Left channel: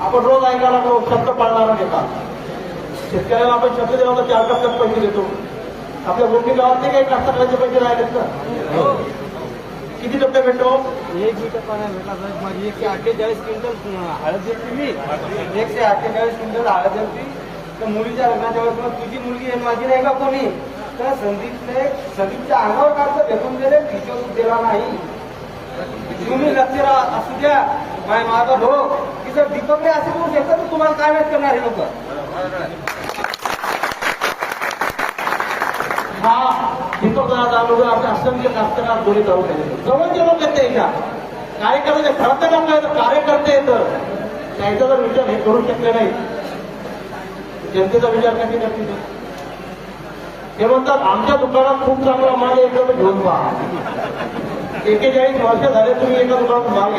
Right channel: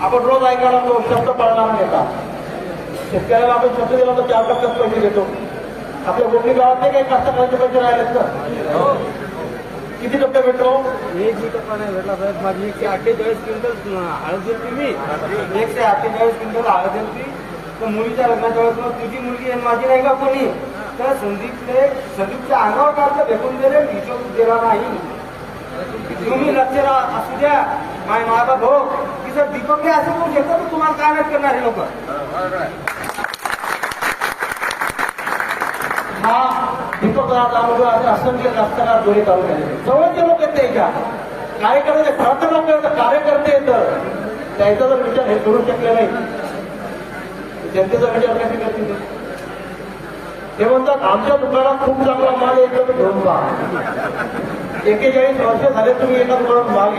आपण रोज ऐकायला लागलो शब्द पाळणारा नेता. शेतकऱ्याला आपण शब्द दिला तर 4% पैसे देतो. आपल्या गोपी गावातले काही कास्तकारांचे पैसे राहिलेत का? किती टक्के भेटतो? 1% नाही भेटला साहेब. माझी 148 क्विंटल हळद दिली मी, 148 क्विंटल हळद दिली. तर मुलीच्या लग्नाच्या वेळेस तुझी मुलगी आहे माझी नाही का कोणी, तर संदीपच्या अंगावर काढतं फेकून दिले, हिशोब दिला नाही. तुम्ही लक्ष असू द्या माझा भाऊ की सर दीपकने असं करू शकतो तर तुम्हाला काय वाट करणार हे लोक. हा दीपक दामोदर असे असंख्य कास्तकार दोन्ही तालुक्यात जवळचे लोक आहेत त्याच्या कार्यकर्ते खरंच लोक आहेत, कार्यकर्ते येतं त्याचा जर विचार हे करू शकले नाही जनतेचा विचार कशी करतील. ते म्हणतात आमच्या दुकानात खूप चांगला माल एकदम घेऊन पहा. 41 वर्ष झाले तुम्ही एका दुकानात माल घ्या.